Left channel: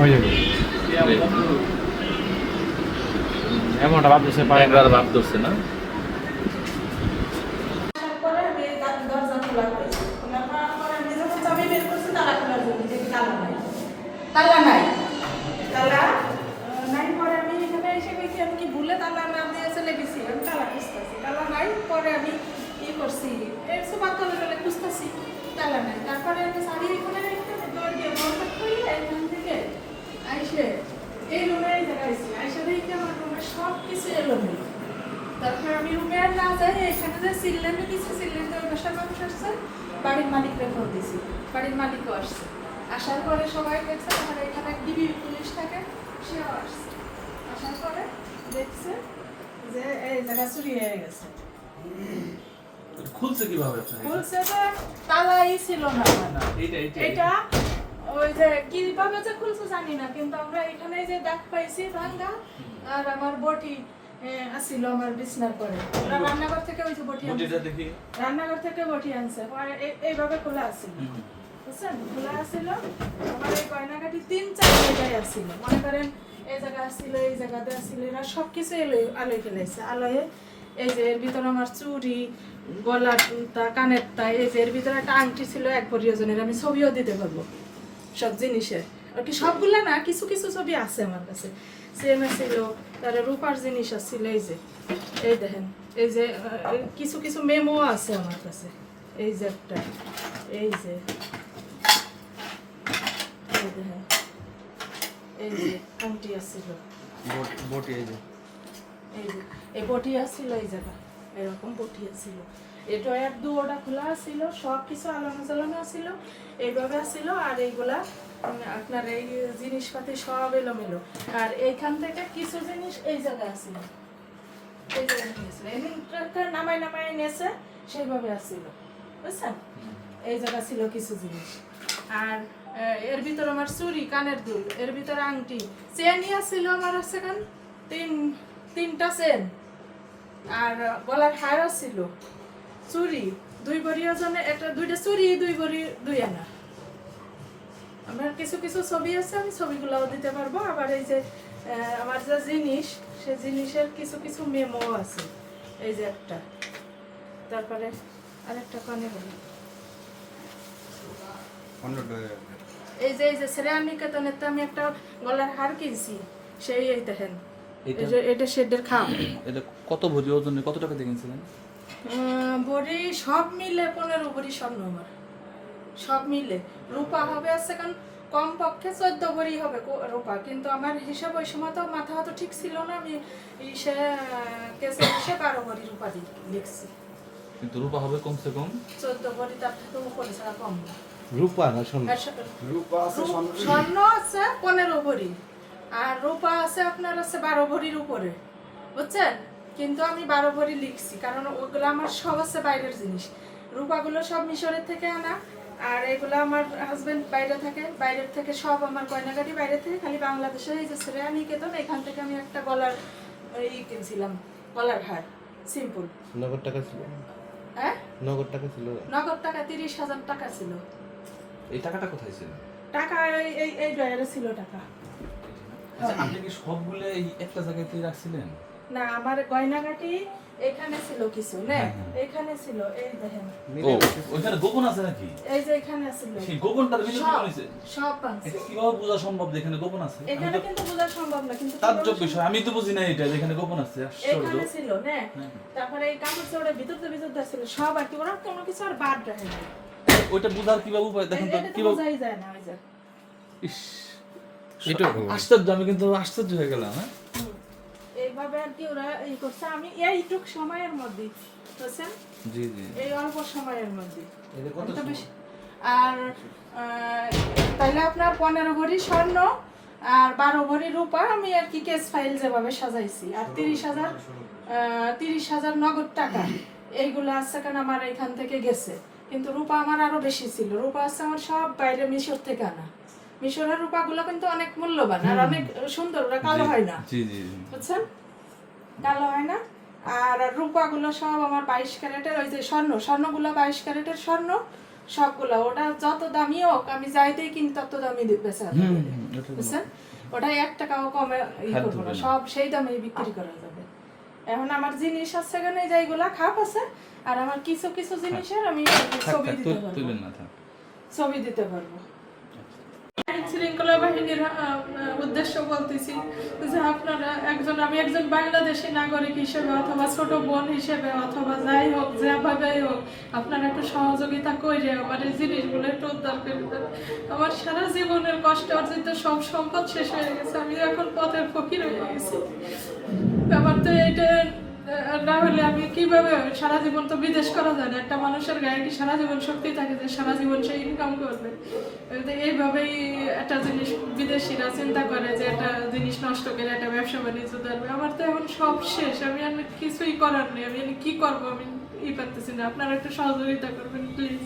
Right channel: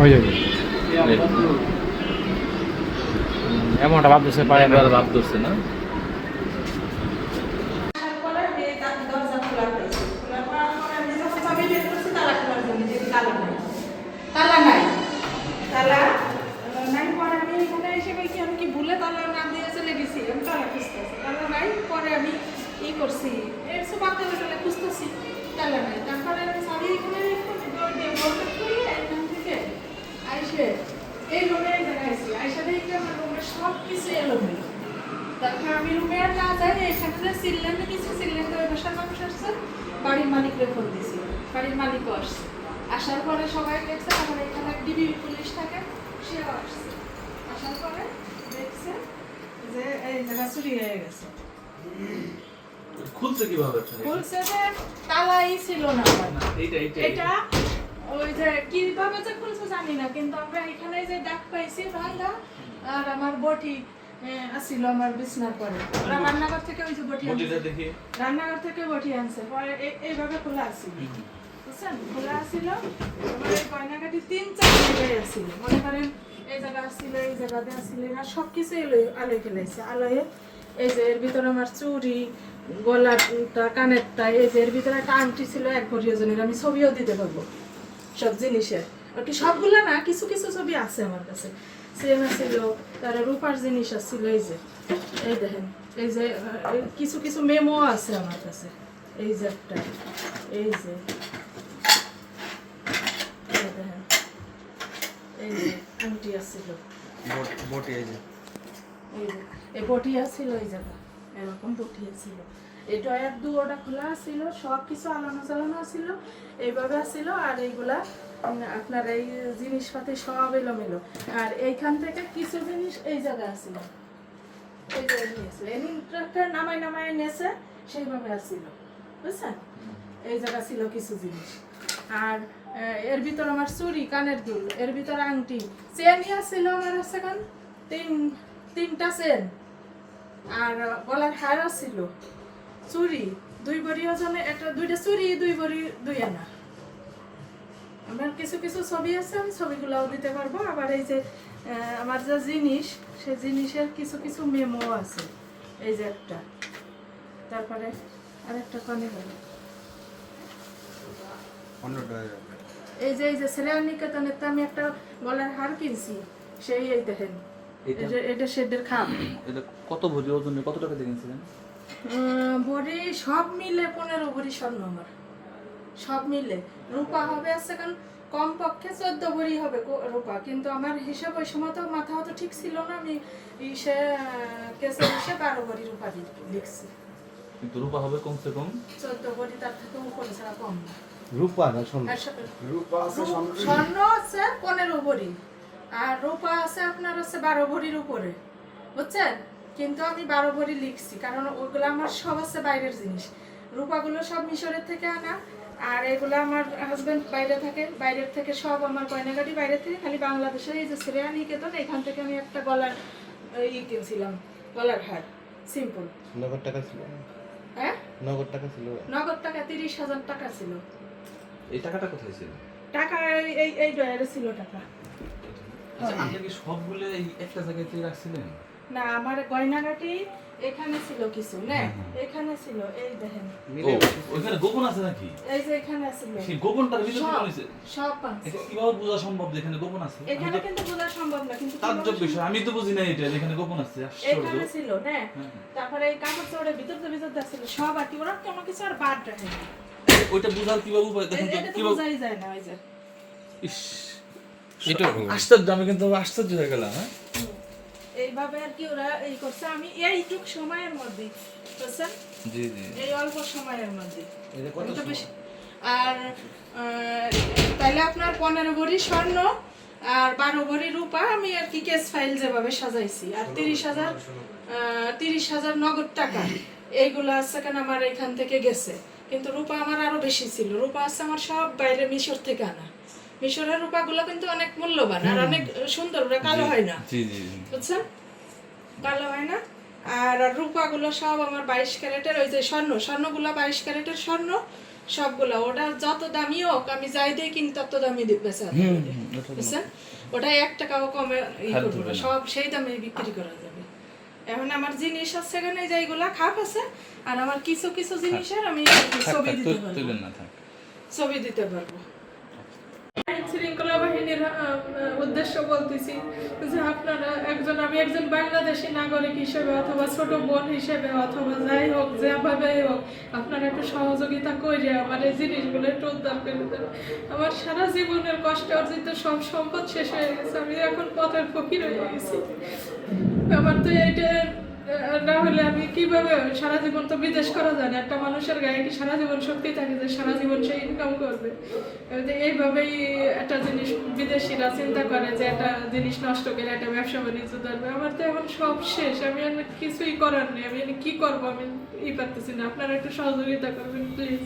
ওই যে এমনটা ভাবতেছে পারে একবার ভাব ধরছে না তারপরে আমি দরজা খোলা হয়েছে। খোলা হওয়ার পরে আমি যখন চাবি বের করছি তালা খোলার জন্য, যে তালা নাই। তালা নাই। তালা নাই পরে আমি এখানে এসে কই কি আমি কি ভুলে তালা না দিয়ে চলে গেছি। আমি তালা খুঁজতেছি। তালা নাই পরে আমি করছি। এই সুপার তালা খুঁজতেছি। তালা নাই। তারপরে আমি চাবি এখানে রেখে ডোর দিয়ে বন্ধ করে এখান থেকে আইসে এই রুমে জায়গায় আইসি। আইসা দেখি আমার রুমের সব কিছু এলোমেলো। তারপর আমি রুমে আর না যাই, এখানে যে সিলিন্ডার দিচ্ছে, সিলিন্ডার ওই বাসার মানুষ আসছে, বাড়ির মালিককে ফোন দিছি, বাড়ির মালিকও আসছে। আসার পরে সবাই দেখছে, তখন এখানে ডিবি পুলিশ থাকে, সেও আসছে। আসার পরে দেখছে যে এই জায়গা চুরি হয়ে গেছে। খুলছে কিভাবে আপনার খুলছে যে তালাই ছিল না। এটা ওই যে কিভাবে যে খুলছে জানি না, কিন্তু আমরা এখানে যে দাগ পাইছি ভাঙা, আর আমার বটি আসছিল আমার বিছনার পরে। ওরা রান্নাঘর থেকে ওই যে বটি দেখি রান্নাঘর থেকে বটি আনছে, পরে এইভাবে খোলা আসছিল, বুঝছেন? খোলা আসছিল। আমার এই গয়নাগাটি ৩-৪ জায়গায় আসছিল, মনে করেন এই জায়গা আসছিল, এই জায়গাতে আসছিল, এরা সব কিছু আলোয় ফেলাইছে। আলোয় এই যে এর ভিতরে আমার চুড়ি, গলাটা, কানেরটা, এই যে এর ভিতরে একটা আংটি ছিল 1 ভরি ওজনের, আমি ছবিও দিতে পারবো সব জিনিসের। আর কি সবগুলা না, কিছু কিছু ছবি আছে আমার কাছে। চেন ছিল, তার রূপার জিনিস আছিল, এই যে এই দেখেন, এই যে কিছু কিছু মেমো আছে আমার কাছে। এই যে একটা, এই যে দেখেন, এই যে আংটি আছিল, বটি এই যে এই বটি আছিল, এই জায়গা এরকম বটি আছিল। এটা 1-2 খোলা ছিল, সব কিছু আলানো জ্বালানো ছিল, এইভাবে ছিল। আর এইগুলা আপনার এই জিনিসপাতি সব এলোমেলো। আর এইখান থেকে কিছু জিনিস এই জায়গায় আসছিল, এই জায়গায় নিয়েছিল, এই নামাই নামাই নিয়েছে, সেইভাবে আসছিল, বুঝছেন? এই জায়গা ছিল কিছু জিনিস। আর এর ভিতরে আমার চুড়ি, কানের দুল, এর ভিতরে আংটি, চেনই আসছিল আমার, হচ্ছে কারণ 3টা চেন, আর গলার হার ছিল, চুড়ি 2 ভরি ওজনে, 2টা চুড়ি 2 ভরি 2 আনা। আমার কিছু কিছু ছবি আছে, আমি ছবিগুলোও দিতে পারবো। আবার এই যে আমার যে জিনিস, সেই জিনিসের কিছু কিছু মেমো আছে, এই যে একটা, তারপরে আরেকটা কানে গেল, এই যে শ্রেয়া নিকেতনেতে আমি একটা গলার হার কিনছি, সেই এই দেখেন, এটা শেডের খাম। এটা কত ভরি ওজন, কত টাকা দিয়ে কিনছিলেন? ভরি সব মিলে 15 ভরি স্বর্ণ আমার, সব মিলে। রূপা হবে আছে কারণ কমপক্ষে 14 ভরি হবে রূপা, কিন্তু আমার হিসাব ওই সময় তো মাথা হয়তো ঠিক ছিল না, আমি সে কেসে 12 ভরি রূপা লিখছি। কিন্তু রূপা হবে কমসে কম 14 ভরি, তার থেকে উপরে ছাড়া কম না। রূপা না স্বর্ণ স্বর্ণ আছে 15 ভরি, আর রূপা আছে আপনার আছে 12 ভরির উপরে, বুঝছেন? কিন্তু আমি 12 ভরি লিখছি, কারণ ওগুলো আমার সব আছে বাইরের জিনিস। রূপাগুলো সব মিশরের থেকে আনা, আর এগুলো আমার হাজবেন্ড বাইরে থাকে, বাইরের থেকে সব আমার গয়নাগাটি বাইরে থেকে, খালি বাংলাদেশে এই যে শ্রেয়া নিকেতন, এখান থেকে আমি একটা গলার কিনছিলাম, গলার হার সিম্পল। নগদ টাকা ছিল? হ্যাঁ, নগদ টাকা ছিল? নগদ টাকা 30,000 টাকা ছিল। এই টাকাটা কোথায় ছিল? টাকা এই ডয়ারে ছিল টাকা। আচ্ছা, আপনি কি সবগুলো এই একটা জায়গাতে রাখছিলেন? না, আমার গয়নাগাটি এখানে ছিল কিছু, না এখানে ছিল, এই দেখেন, ও ওখানে গোপন আছে নাকি? এই যে এখানে ছিল, সেই গোপনটার ভিতরে কি সব হইছে? সব পাঁচ। এটা কিভাবে বোঝা সম্ভব যে এখানে গোপন আছে? এখানে কিন্তু বোঝা সম্ভব না, কিন্তু তাজ্জব বিষয়, আমি তো বুঝি না এটা এখানে গোপন আছে। আশ্চর্য। এখানে ছিল, না তারপরে এই কাপড় চোপড়ের ভিতর ছিল সব, আর কি ওরা কোনো কিছু আর বাদ রাখে না। ওইটা বোঝার কিভাবে উপায় দেখেন তো, এটা তো কিভাবে? বোঝাই যায় না, ওই যে ইস, এটা আশ্চর্য, আমি কিন্তু আশ্চর্য হয়ে গেলাম। হ্যাঁ, এইভাবে আর কি ওরা এই করছে। আমি এইটুক সময়ের মধ্যে, বুঝছেন? জি জি। এই অল্প সময়ের মধ্যে এটা কত তো বেশি। আর তাইলে আপনার 15 ভরি স্বর্ণ আর 12 ভরি রূপা আমি আর কি কেস ফাইল যেভাবে সাজাইছি, আর 30,000 নগদ টাকা, এইগুলো আছে কেন আমার এখান থেকে গেছে। কিন্তু রূপা আমার আরো বেশি ছিল, রূপা আছে আমার সব বাইরে মিশর থেকে আনা। মিশরের রূপাগুলো কিন্তু অনেক মূল্যবান আর অনেক সুন্দর, ওরা কালো হয় না, জি জি। বুঝছেন? কালো হয় না। আর রূপাগুলো সব আমার 22 ক্যারেটের, ওই যে স্বর্ণগুলো 22 ক্যারেটের স্বর্ণ, সবগুলা ওটা যত দামি হোক আমি যাই দিয়ে কিনি তত দামি বেচা বুঝছেন, ওটা 1 টাকাও কমে করবো না, সব সেই দামে বিক্রি করা যাবে। এখন আমার জিনিস আছে এখানে যেগুলা খাপ আছে, আর আমার কিছু কিছু জিনিসের আমি ছবি দিতে পারবো, ছবি দিতে পারবো। শৃঙ্খলা বাহিনীর উদ্দেশ্য বলতেছি যে আপনারা আমি একজন বাংলাদেশী নাগরিক হিসেবে অথবা ছোট বোন হিসেবে অথবা যাই হোক যেভাবে হোক আপনারা একটু সহযোগিতা করে আমার এই জিনিসগুলো একটু উদ্ধার করে দেন। আমার সারা জীবনের কষ্ট অর্জিত সব সম্পদ শেষ হয়ে গেছে, আমি এখন পথের ফকির হয়ে গেছি। আমার তো এটা না হলে আমি কিভাবে সারা জীবন তো বিদেশ করা যায় না, একটা মানুষের গায়ে কি সারা জীবন শক্তি থাকে যে সারা জীবন সে ইনকাম করবে? এইভাবেই একটা জিনিস বিদেশিরা চিন্তা করে যে একটা জিনিস নষ্ট করে একটা ব্যবসা বাণিজ্য ধরবে। আমার তো এখন সব শেষ, আমি কিছুই করার নেই, আমি কি করবো আমি পারতেছি না। আপনারা একটু সহযোগিতা করবেন প্লিজ।